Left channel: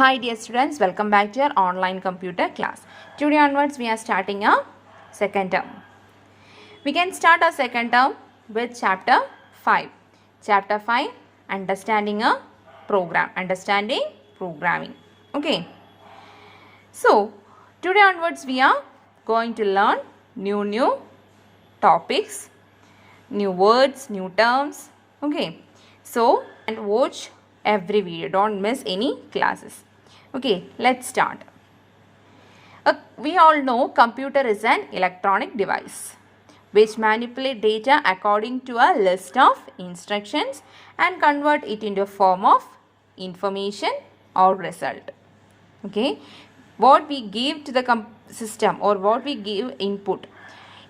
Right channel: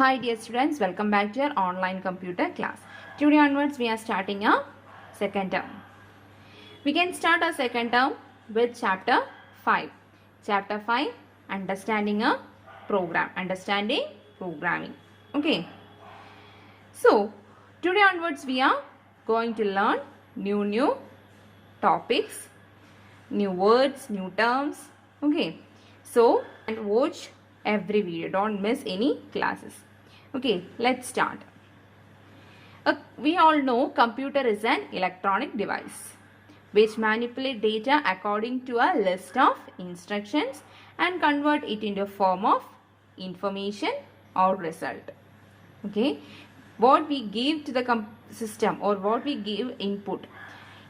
Hi dear students, welcome back to our online computer class. Today onwards we are starting our second term. We can start our second term with chapter 5. Chapter 5, understanding a program, understanding programming. Okay. So today onwards we are going to learn new topics, new words, new terms. Okay. So and watch every video, don't miss any classes. Okay, let's start. We all know computer is an electronic device which manipulate data according to a list of instructions and convert it into a form of information or result. Okay, what we give to the system or what we give input,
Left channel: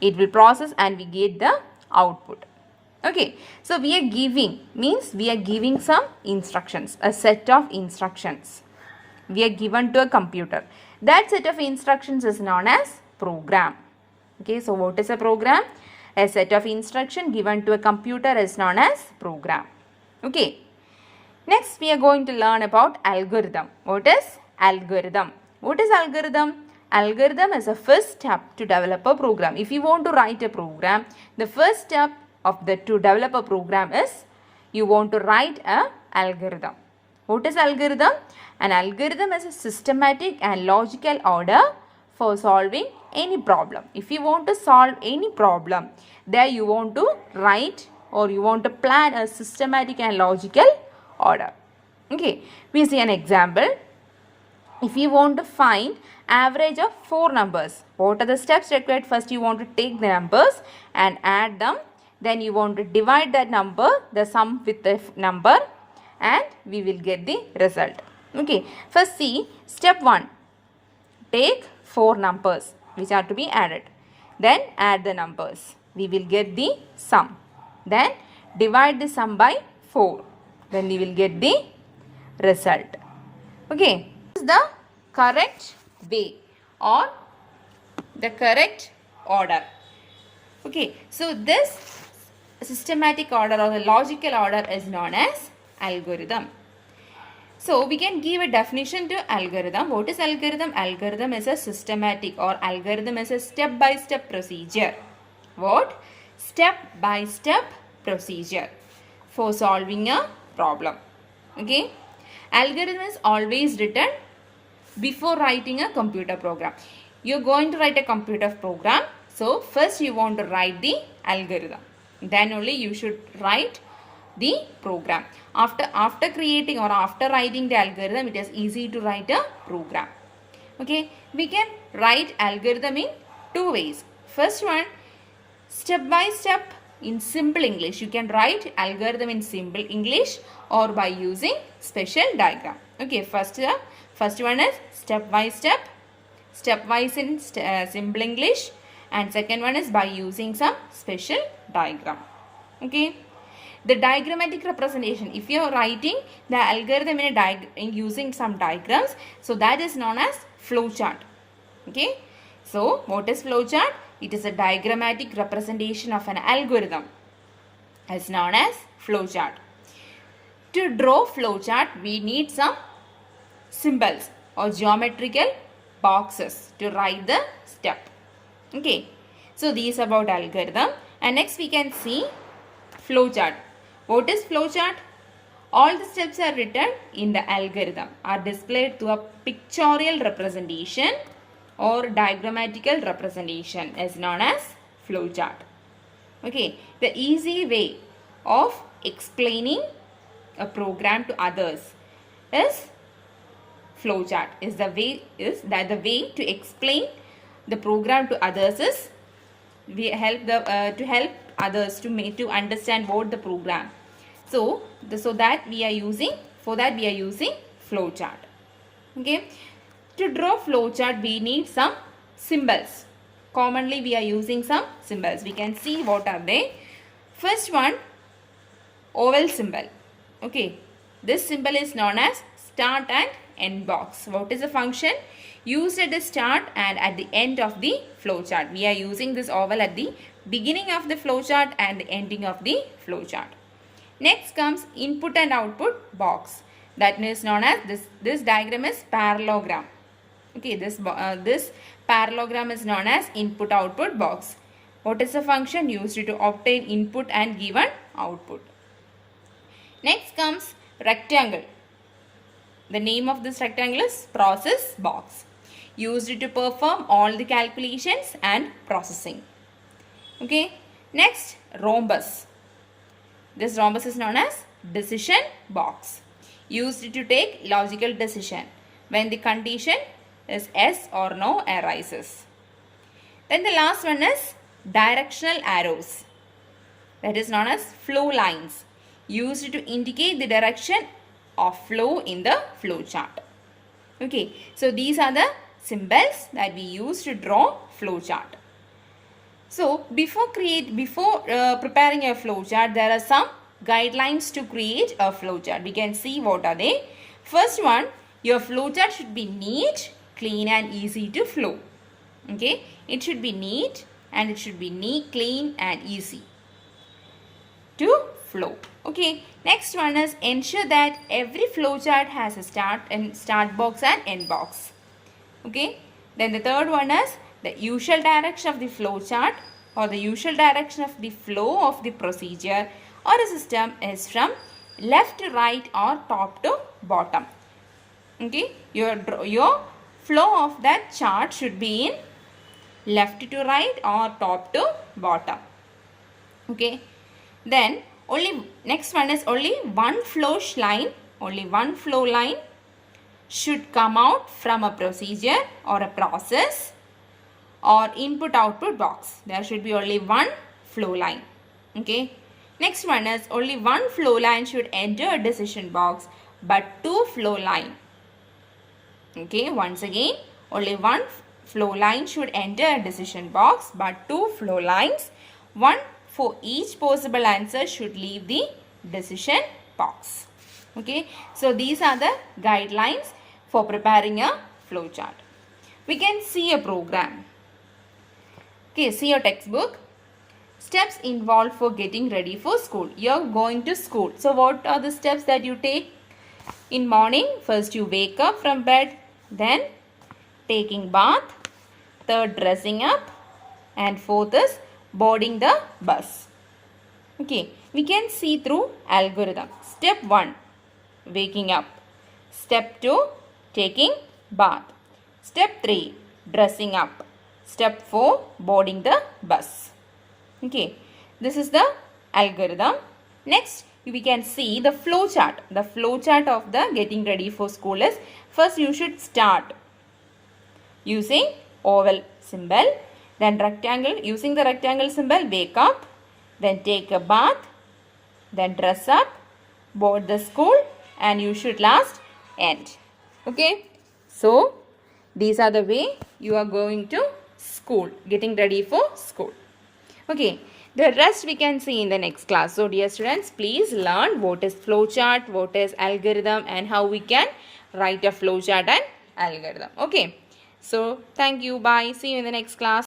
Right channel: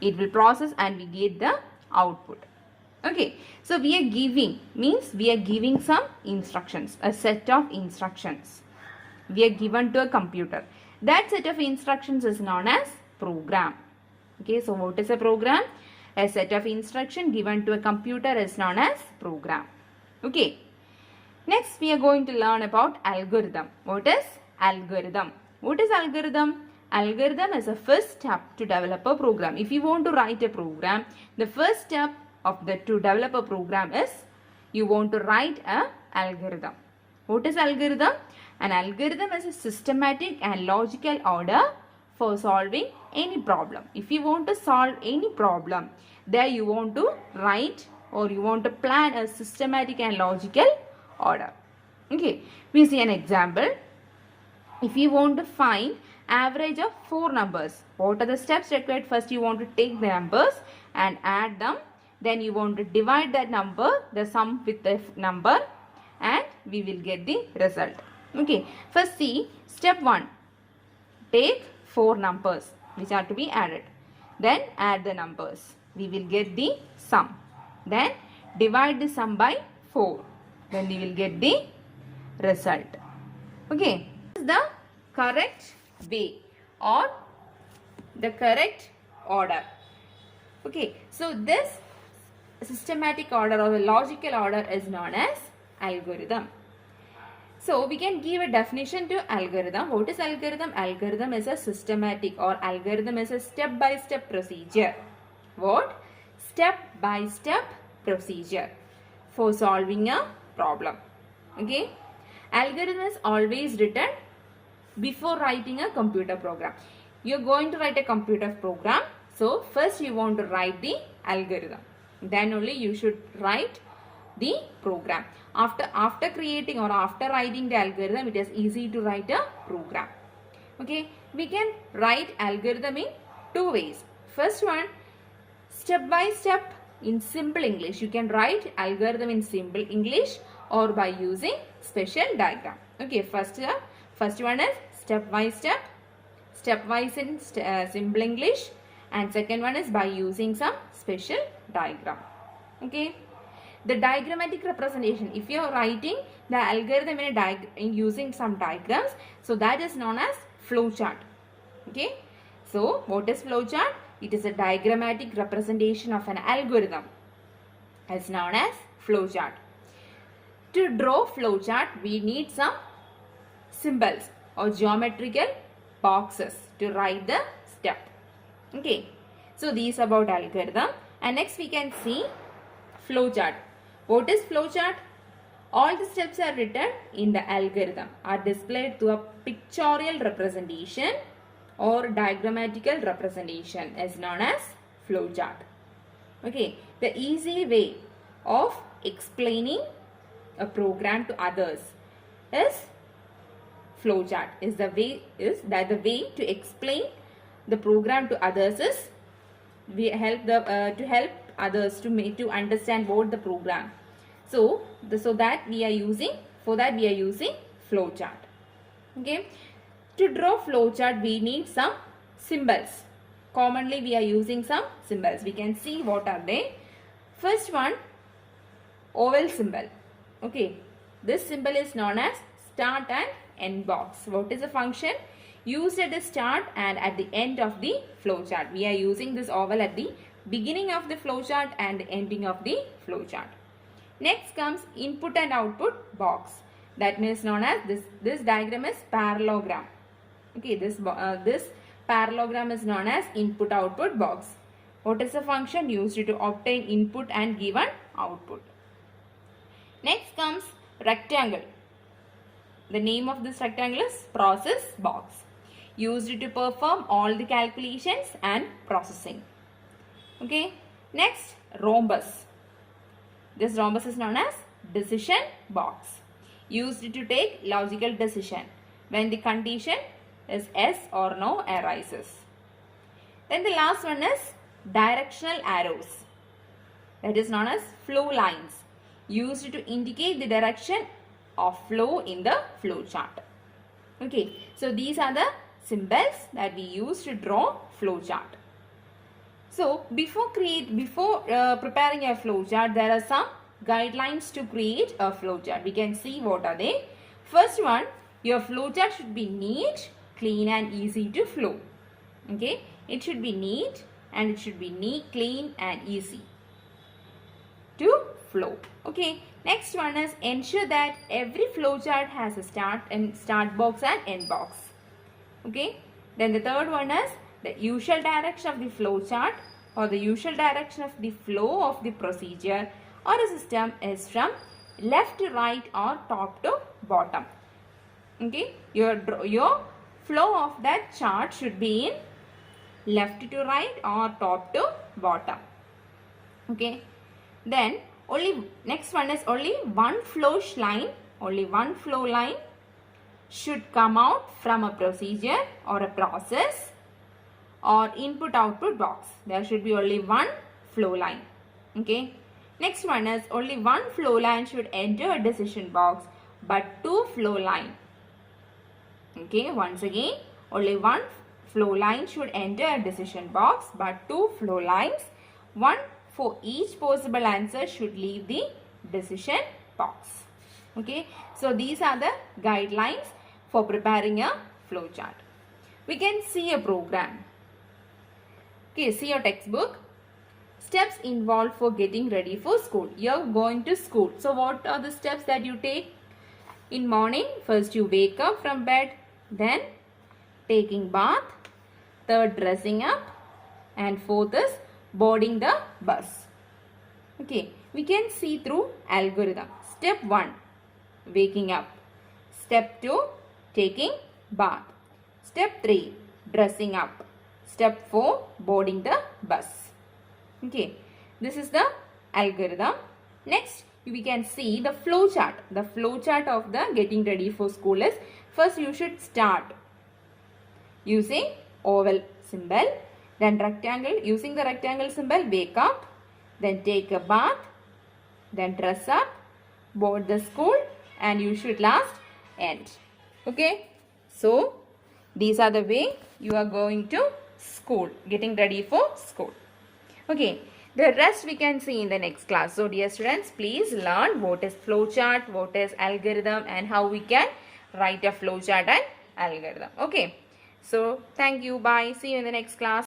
it will process and we get the output. Okay, so we are giving means we are giving some instructions, a set of instructions we are given to a computer. That set of instructions is known as program. Okay, so what is a program? A set of instruction given to a computer is known as program. Okay, next we are going to learn about algorithm. What is algorithm? What is algorithm? Algorithm is a first step to develop a program. If you want to write a program, the first step to develop a program is you want to write a algorithm. What is algorithm? An algorithm is a systematic and logical order for solving any problem. If you want to solve any problem, there you want to write or you want to plan a systematic and logical order. Okay, we see an example. If you want to find average of 4 numbers, what are the steps required? First you want to take the numbers and add them. Then you want to divide that number, the sum with the number, and we will get the result. Okay, first see step 1. Take 4 numbers which are to be added. Then add the numbers. We will get the sum. Then divide the sum by 4. Then we will get the result. Okay, this is the correct way or the correct order. Okay, so this systematic order or the logical order is known as algorithm. So we can give a definition to algorithm. What is algorithm? Algorithm is a systematic or algorithm is a step-by-step procedure. What? Step-by-step procedure for solving a problem. Okay. Algorithm is always written before writing a computer program. You're going to write a computer program. So first you want to write the algorithm. Then only you should write the program. After creating or after writing the algorithm, it is easy to write a program. Okay, we can write algorithm in 2 ways. First one, step by step in simple English. You can write algorithm in simple English or by using special diagram. Okay, first one is step by step, stepwise in simple English, and second one is by using some special diagram. Okay, the diagrammatic representation, if you are writing the algorithm in using some diagrams, so that is known as flowchart. Okay, so what is flowchart? It is a diagrammatic representation of an algorithm. It's known as flowchart. To draw flowchart, we need some symbols or geometrical boxes to write the step. Okay, so these about algorithm. And next we can see flowchart. What is flowchart? All the steps are written in the algorithm are displayed through a pictorial representation or diagrammatical representation is known as flowchart. Okay, the easy way of explaining a program to others is flowchart. The way to explain the program to others is we help to help others to understand what the program. So that we are using flowchart. Okay, to draw flowchart we need some symbols. Commonly we are using some symbols. We can see what are they. First one, oval symbol. Okay, this symbol is known as start and end box. What is the function? Used at the start and at the end of the flowchart. We are using this oval at the beginning of the flowchart and the ending of the flowchart. Next comes input and output box. that is known as this diagram is parallelogram. Okay, this parallelogram is known as input output box. What is the function used to obtain input and given output? Next comes rectangle. The name of this rectangle is process box, used to perform all the calculations and processing. Okay, next rhombus. This rhombus is known as decision box, used to take logical decision when the condition is yes or no arises. Then the last one is directional arrows, that is known as flow lines, used to indicate the direction of flow in the flow chart. Okay, so these are the symbols that we use to draw flow chart. So before preparing a flow chart, there are some guidelines to create a flow chart. We can see what are they. First one, your flow chart should be neat, clean and easy to flow. Okay, it should be neat and it should be clean and easy to flow. Okay, next one is ensure that every flow chart has a start box and end box. Okay, then the third one is the usual direction of the flow chart or the usual direction of the flow of the procedure or a system is from left to right or top to bottom. Okay, your flow of that chart should be in left to right or top to bottom. Okay, then next one is only one flow line should come out from a procedure or a process or input output box. There should be only one flow line. Okay, next one is only one flow line should enter a decision box but two flow line. Okay, once again, only one flow line should enter a decision box but two flow lines, one for each possible answer, should leave the decision box. Okay, so these are the guidelines for preparing a flow chart. We can see a program. Okay, see your textbook. Steps involved for getting ready for school. You're going to school. So what are the steps that you take in morning? First you wake up from bed, then taking bath, third dressing up, and fourth is boarding the bus. Okay, we can see through algorithm. Step 1, waking up. Step 2, taking bath. Step 3, dressing up. Step 4, boarding the bus. Okay, this is the algorithm. Next, we can see the flow chart. The flow chart of the getting ready for school is, first you should start using oval symbol, then rectangle, using the rectangle symbol, wake up, then take a bath, then dress up, board the school, and you should last end. Okay, so these are the way you are going to school, getting ready for school. Okay, the rest we can see in the next class. So dear students, please learn what is flowchart, what is algorithm, and how we can write a flowchart and algorithm. Okay, so thank you, bye, see you in the next class.